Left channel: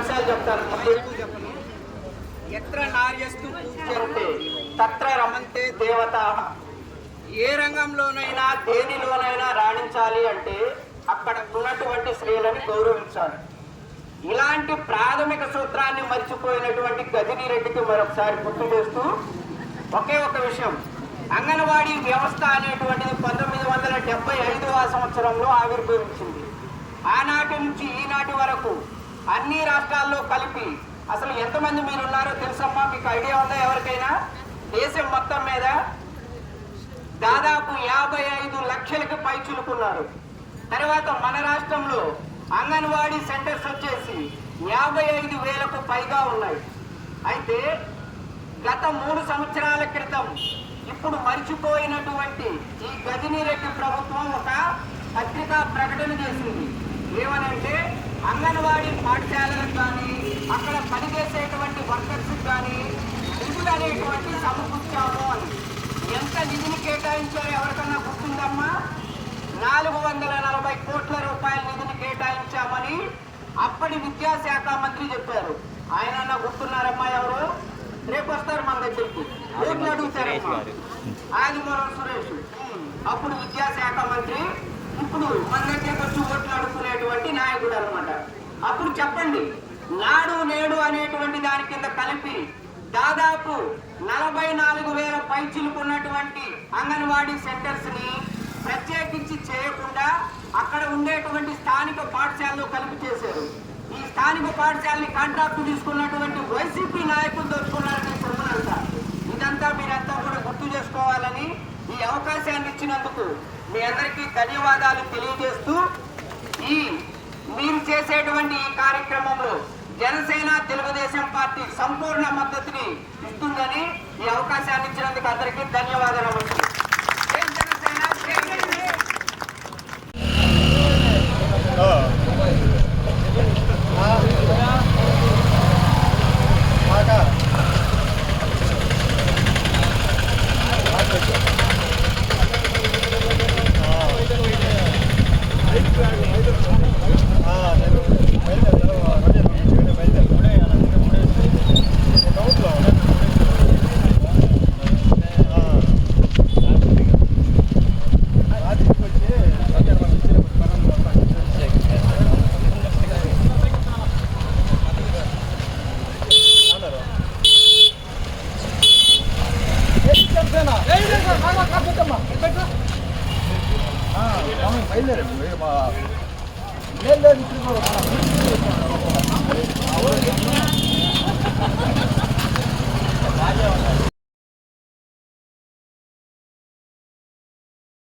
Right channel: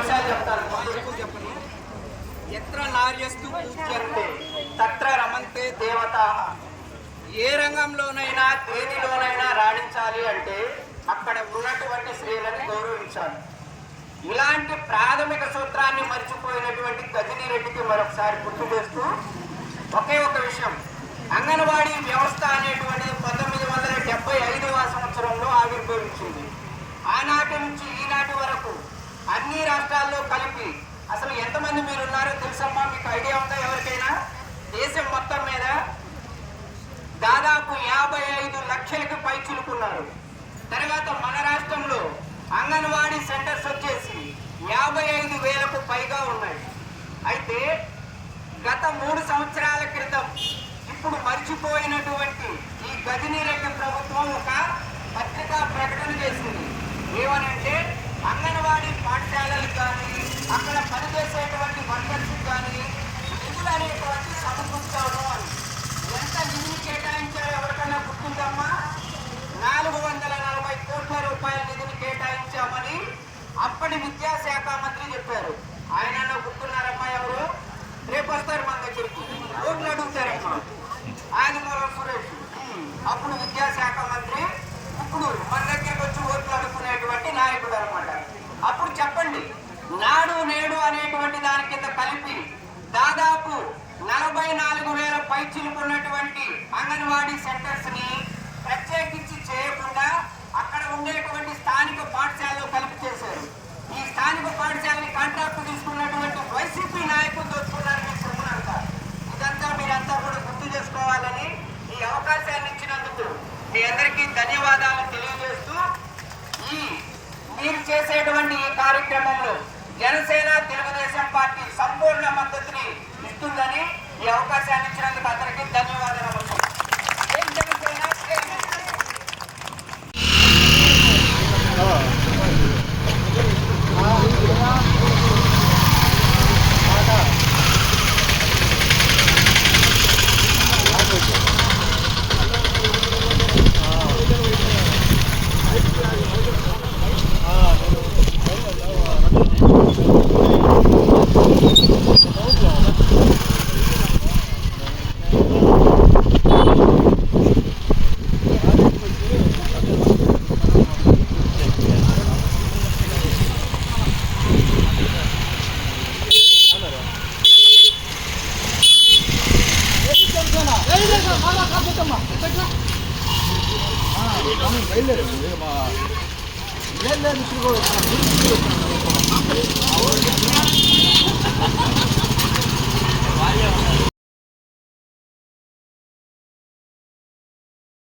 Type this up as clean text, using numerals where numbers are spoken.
అంశాలు చెప్తాను, ఎక్కువ చెప్పను. ఎత్ర నార్యస్తు పూజ్యంతే తత్ర రమంతే దేవతాః. ఏ రంగంలోనైనా దేనిలోనైనా రాణించాలి అంటే అక్కడ ఉన్నటువంటి స్త్రీలను గౌరవించాలి. ఇలాంటి ప్రాథమిక సూత్రాన్ని మర్చిపోయినటువంటి గజనీ రెడ్డికి మరొకసారి గుర్తు చేస్తూ ఒకే ఒక విషయం, అంగన్వాడీ వ్యవస్థ అనేటువంటిది 1975వ సంవత్సరంలో ఆవిర్భవించింది. ఆనాటి నుంచి ఈనాటి వరకు అన్ని రాష్ట్రాల్లో కలిపి అసలు ఎంతమంది మీరు ఉన్నారో తెలుసమ్మా? మీకు ఐడియా ఉందా ఎవరికైనా? దేశం మొత్తం మీద దాదాపు 55 లక్షలకు పైచులుకున్నారు. తర్వాత మన రాష్ట్రంలో అంగన్వాడీ సెంటర్స్ వచ్చేసి 55,000కు పైగా ఉన్నాయి. అయితే గత 3 సంవత్సరాల క్రితం ఇప్పుడు మర్చిపోయినటువంటి ఈ గజనీ రెడ్డి ప్రభుత్వం ఒక పత్రికా ప్రకటన చేసింది. ఏమనంటే అంగన్వాడీ పాఠశాలలకు కానీ అక్కడ పనిచేసేటువంటి వర్కర్స్ కానీ నిధులు అనేటువంటి సమకూర్చాము అని. ఎంత నిధిని కేటాయించారో ఎవరికన్నా గుర్తుందమ్మా? 440 కోట్ల రూపాయల నిధిని కేటాయించామని అప్పటి విద్యాశాఖ మంత్రి చెప్పారు. ఆయన గుర్తున్నారమ్మా? ఎవరు రేపు వస్తారు మన దగ్గరికి, ఓట్లు అడుగుతారమ్మా. ఆదిమూలం సురేష్ అప్పుడు విద్యాశాఖ మంత్రి, ఇప్పుడు మన దగ్గరికి వచ్చి ఓట్లు అడుగుకునేటువంటి నాయకుడు అనమాట. అప్పుడు చెప్పండి, నాడు నేడు అనేటువంటి దాని కింద కలిపి దాదాపు 44,000 పైచిలుకున్నటువంటి అంగన్వాడీ సెంటర్స్ ని ప్రత్యేకించి చేయకుండా అక్కడ ఉండేటువంటి స్థానిక పాఠశాలలో కలిపి చేశారు. ఈ స్థానిక పాఠశాలని కాంట్రాక్ట్ తీసుకున్నటువంటి వైసీపీ నాయకులు దోచుకున్నారు మీ సొమ్మునంతా. ఇదంతా మీరంతా కూడా గుర్తు చేసుకోవాలని ఈ అవకాశాన్ని ఇచ్చినందుకు మీ అందరికీ ధన్యవాదాలు తెలియజేస్తూ, ఈ మీరు చేసేటువంటి ఈ కార్యక్రమంలో జనసేన తెలుగుదేశం పార్టీ సంపూర్ణ మద్దతుని ఇస్తుందని ఈ అవకాశాన్ని ఇచ్చినందుకు అందరికీ ధన్యవాదాలు. జై జనసేన, జై జనసేన. బయలుదేరు